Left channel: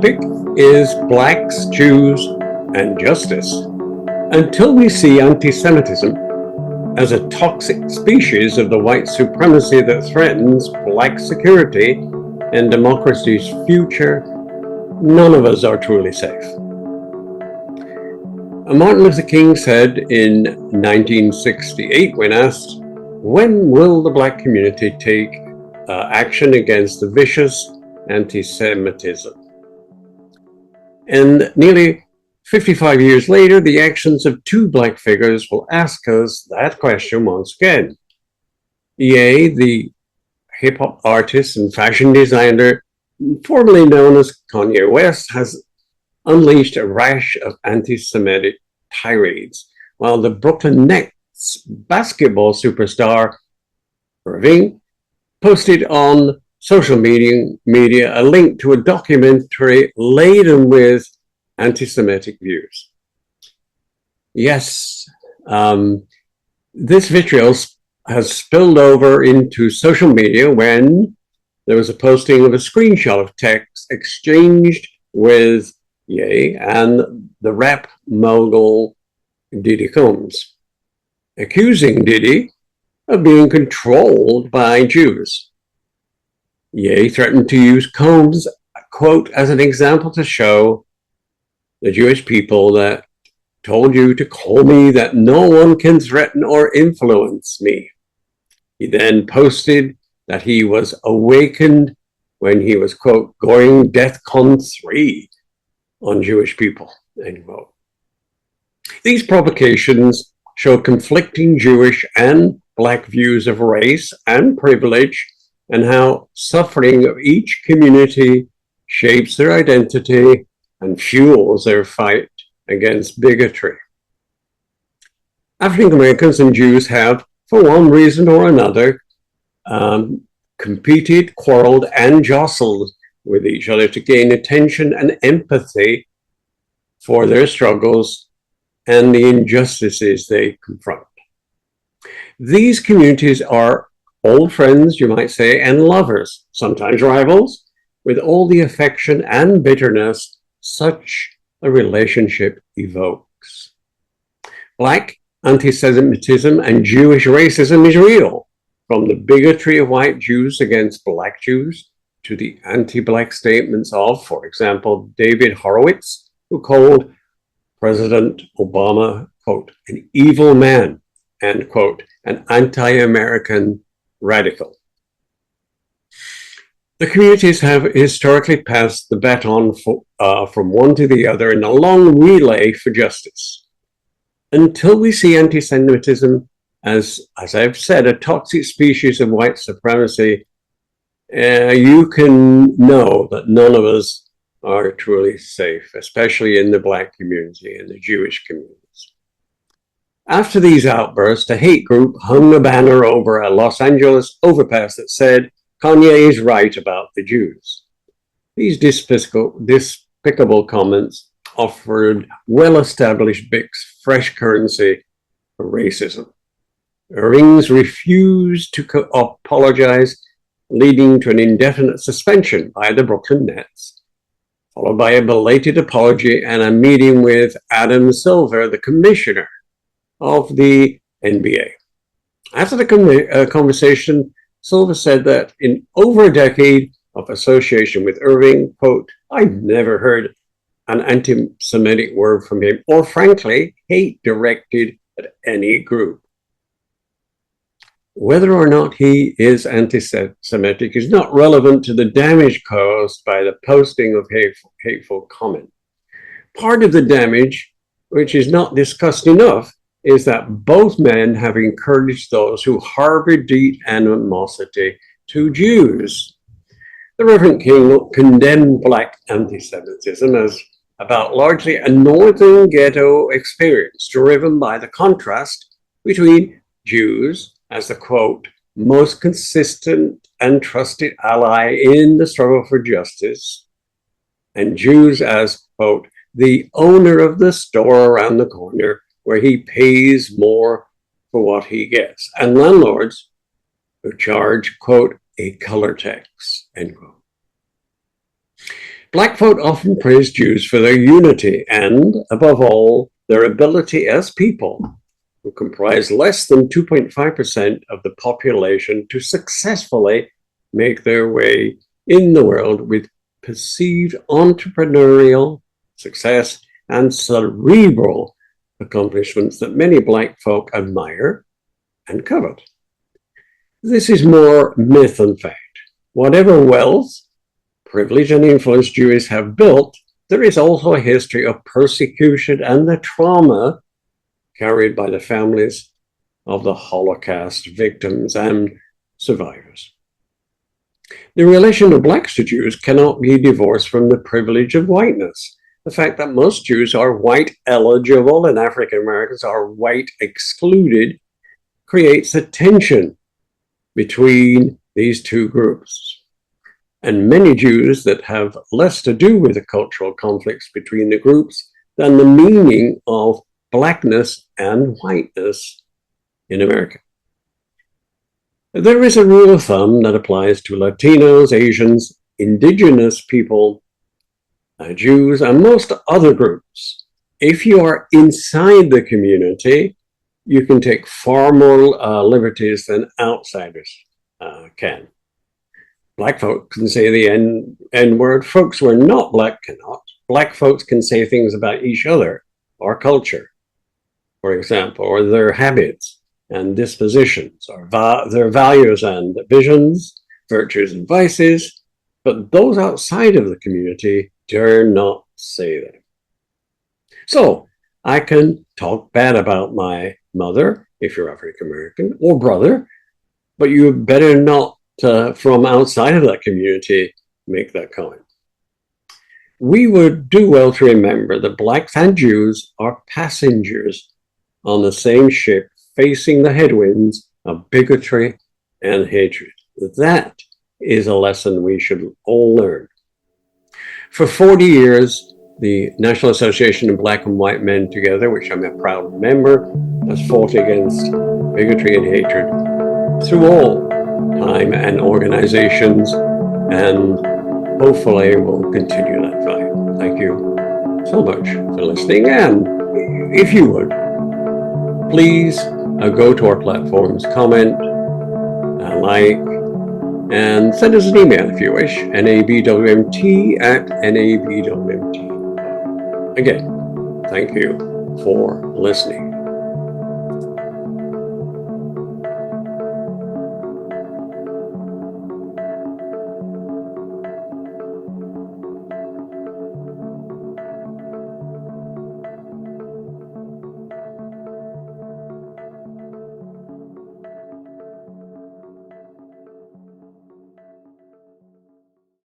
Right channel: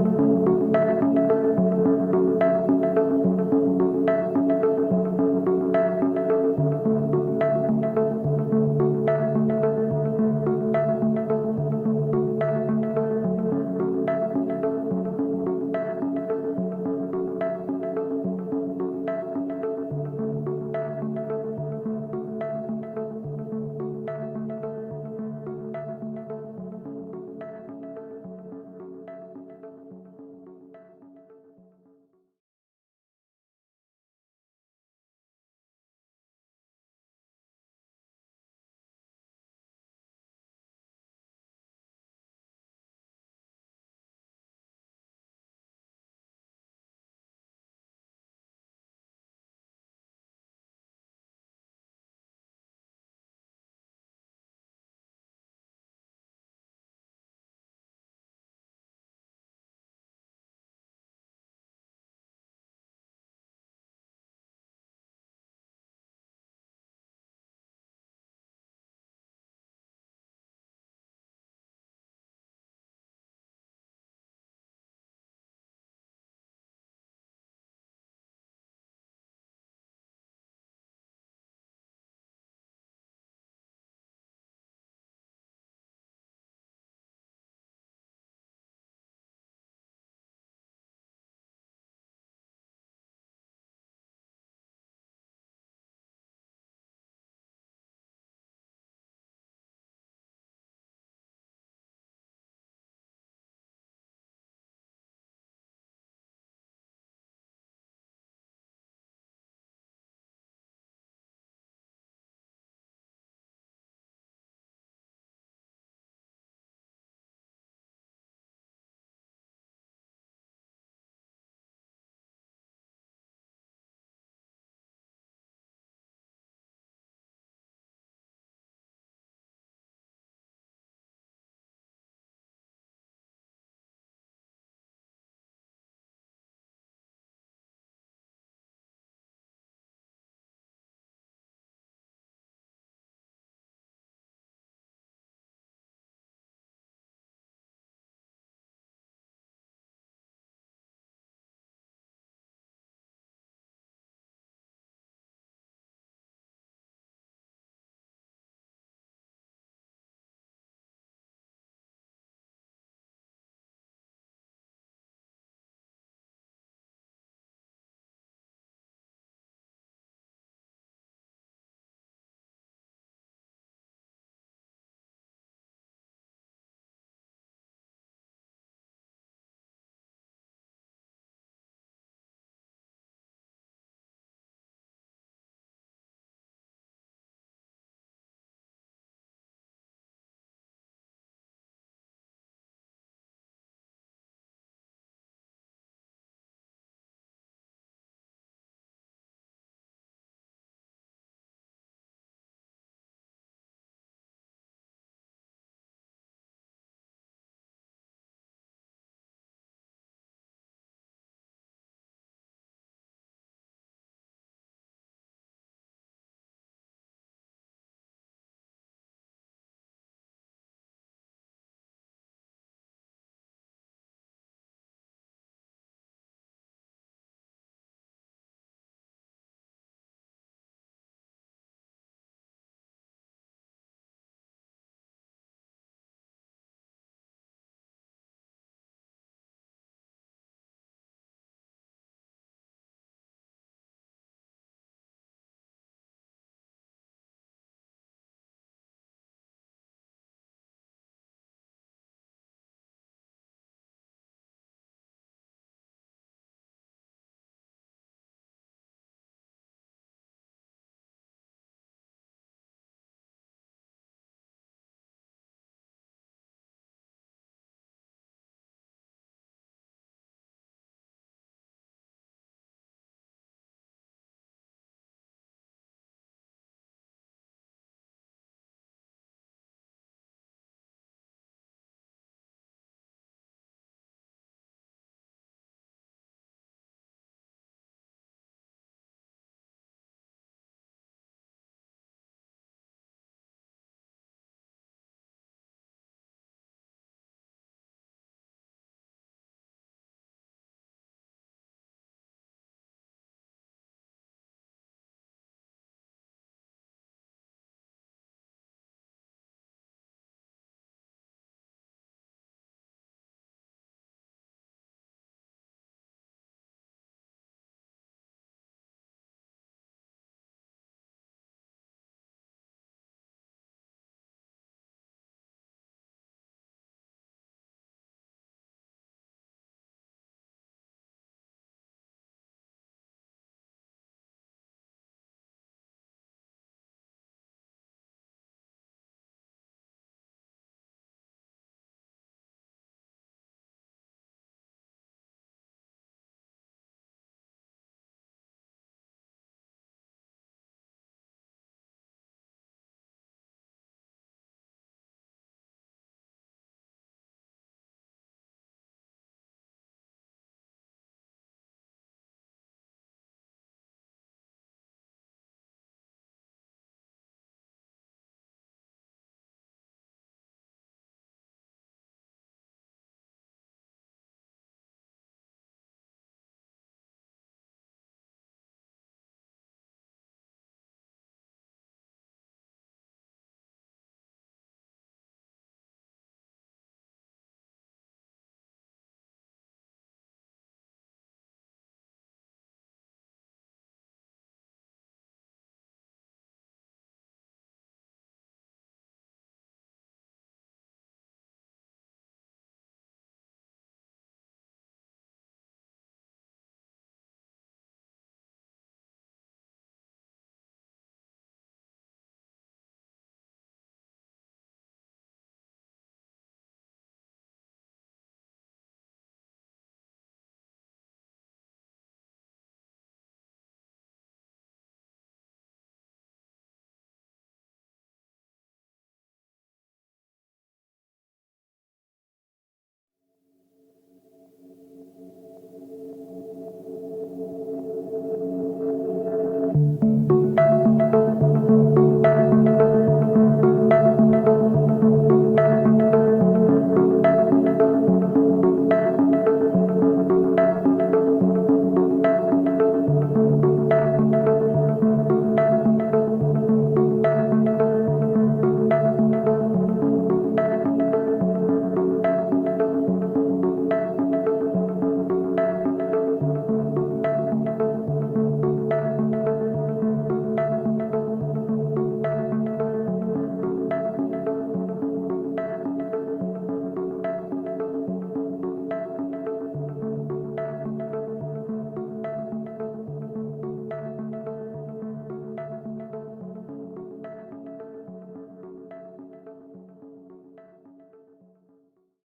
topic is blacks, Jews, and justice. Until we see anti-Semitism as a toxic species of the white supremacy that threatens black security and democracy's future, none of us are truly safe. Martin Luther King said in 1968, when asked, "When will the black community take action against the vicious anti-Semitism?" And nearly 55 years later, the actions of two black figures will ask us that question once again. Ye, the hip-hop artist and fashion designer formerly known as Kanye West, has unleashed a rash of anti-Semitic tirades, while the Brooklyn Nets basketball superstar Irving posted on social media a link to a documentary laden with anti-Semitic views. Yes, this vitriol has spilled over into social media when there was a posting of a screenshot of text exchanged with Ye and the rap mogul Diddy Combs, accusing Diddy of being controlled by Jews. Ye threatened to use Combs, quote, as an example to show the Jewish people that told you to call me that no one can threaten or influence me. He then posted that he was awakened when he was, quote, going DEFCON 3 on Jewish people, end quote. These provocations show conflicting Jewish and black views of race and privilege and how suffering of each community shapes their identity and fuels their fight against bigotry. African Americans and Jews have, for one reason or another, competed, quarreled, and jostled with each other to gain attention and empathy for their struggles and the injustices they confront. These communities are old friends, you might say, and lovers, sometimes rivals, with all the affection and bitterness such a relationship evokes. Black anti-Semitism and Jewish racism is real, from the bigotry of white Jews against black Jews to the anti-black statements of, for example, David Horowitz, who called President Obama, quote, an evil man, end quote, an anti-American radical. The communities have historically passed the baton from one to the other in a long relay for justice. Until we see anti-Semitism as I've said, a toxic species of white supremacy, you can know that none of us are truly safe, especially in the black community and the Jewish communities. After these outbursts, a hate group hung a banner over a Los Angeles overpass that said, "Kanye is right about the Jews." These despicable comments offered well-established BIC's fresh currency for racism. Irving's refused to apologize, leading to an indefinite suspension by the Brooklyn Nets, followed by a belated apology and a meeting with Adam Silver, the commissioner of the NBA. After the conversation, Silver said that in over a decade of association with Irving, quote, "I've never heard an anti-Semitic word from him, or frankly, hate directed at any group." Whether or not he is anti-Semitic is not relevant to the damage caused by the posting of hateful comment. Part of the damage, which is not discussed enough, is that both men have encouraged those who harbor deep animosity to Jews. The Reverend King condemned black anti-Semitism as about largely a northern ghetto experience driven by the contrast between Jews as the, quote, most consistent and trusted ally in the struggle for justice, and Jews as, quote, the owner of the store around the corner where he pays more for what he gets, and landlords who charge, quote, a color tax, end quote. Black folk often praise Jews for their unity and, above all, their ability as people, who comprise less than 2.5% of the population, to successfully make their way in the world with perceived entrepreneurial success and cerebral accomplishments that many Black folk admire and covet. This is more myth than fact. Whatever wealth, privilege, and influence Jews have built, there is also a history of persecution and the trauma carried by the families of the Holocaust victims and survivors. The relation of Blacks to Jews cannot be divorced from the privilege of whiteness. The fact that most Jews are white eligible and African Americans are white excluded creates a tension between these two groups. And many Jews that have less to do with the cultural conflicts between the groups than the meaning of Blackness and whiteness in America. There is a rule of thumb that applies to Latinos, Asians, indigenous people, Jews, and most other groups. If you are inside the community, you can take far more liberties than outsiders can. Black folks can say the N-word. Folks who are not Black cannot. Black folks can say things about each other or culture, for example, or their habits and dispositions, or their values and visions, virtues and vices, but those outside of the community dare not say them. So I can talk bad about my mother, if you're African American, or brother, but you better not, from outside of that community, make that comment. We would do well to remember that Blacks and Jews are passengers on the same ship, facing the headwinds of bigotry and hatred. That is a lesson we should all learn. For 40 years, the National Association of Black and White Men Together, which I'm a proud member, has fought against bigotry and hatred through all time and organizations, and hopefully will continue that fight. Thank you so much for listening, and if you would, please go to our platforms, comment, like, and send us an email if you wish, nabwmt@nabwmt. Again, thank you for listening.